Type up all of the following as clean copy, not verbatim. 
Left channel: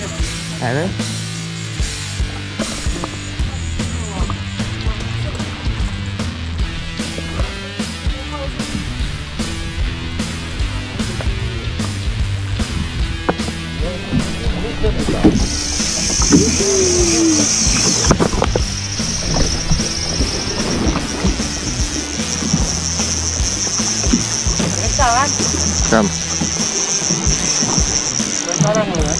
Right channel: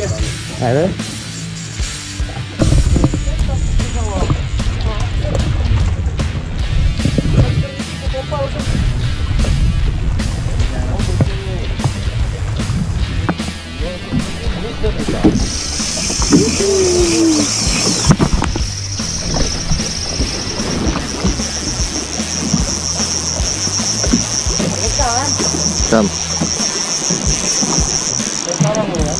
Ada. Kam. Sekarang ya.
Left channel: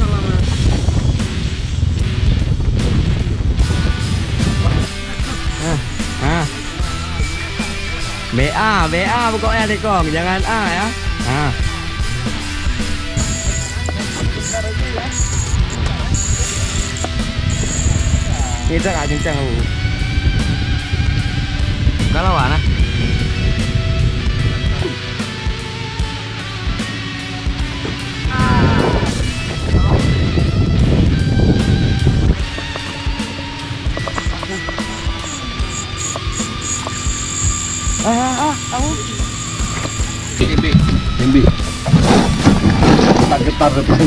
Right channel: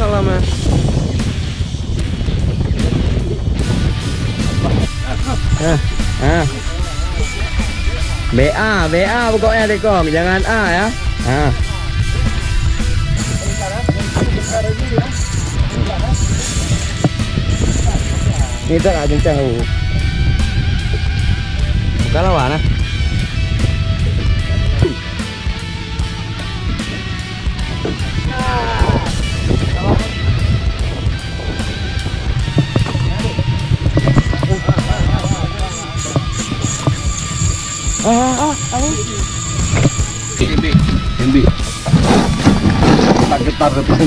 Salam ya. BA pokoknya Tekong, jangan A ya. Kita nggak kencang lu. Bukan lawan ah. Embi. Tak getar depan.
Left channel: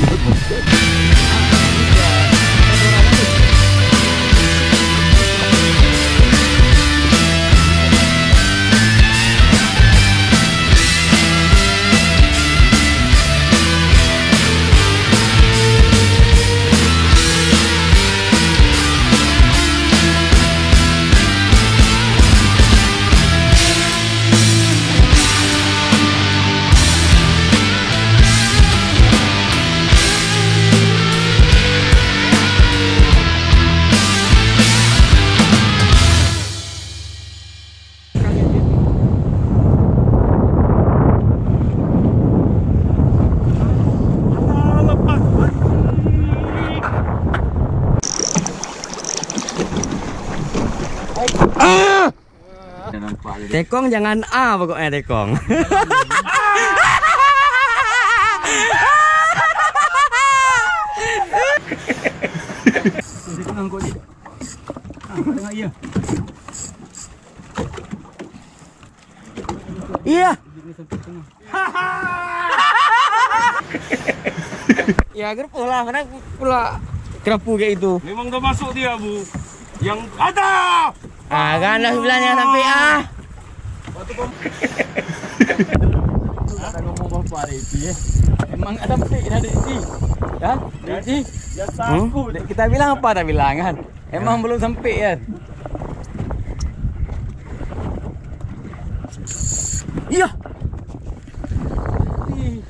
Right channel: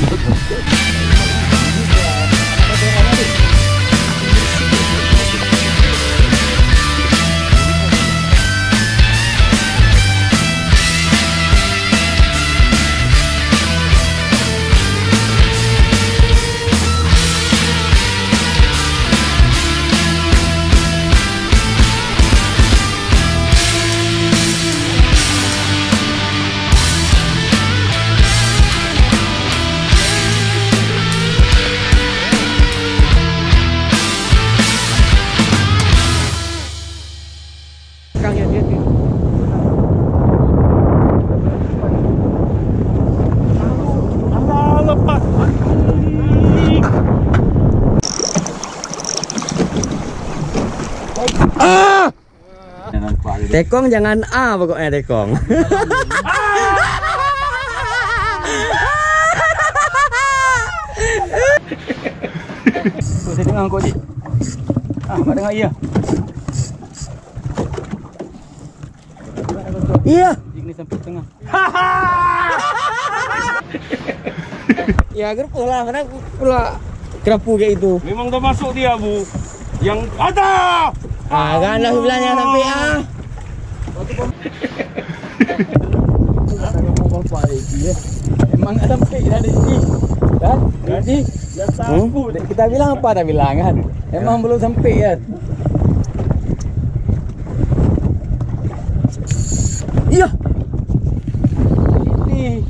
Tekong jangan A pokoknya Tekong. Saya tengah kau Cik. Mak dengar iya. Iya. Ini sampai tengah. Ya kenapa lah, kenapa pula kerapu kayak itu? Memang dah masuk dia Bu. Yang ada. Kan lah bilangnya sampai A. Memang ada sampai dah di. Kan? Jadi Ya takut. kita bilang apa dah bilang kan? Memang belum sampai kan? Iya. Ini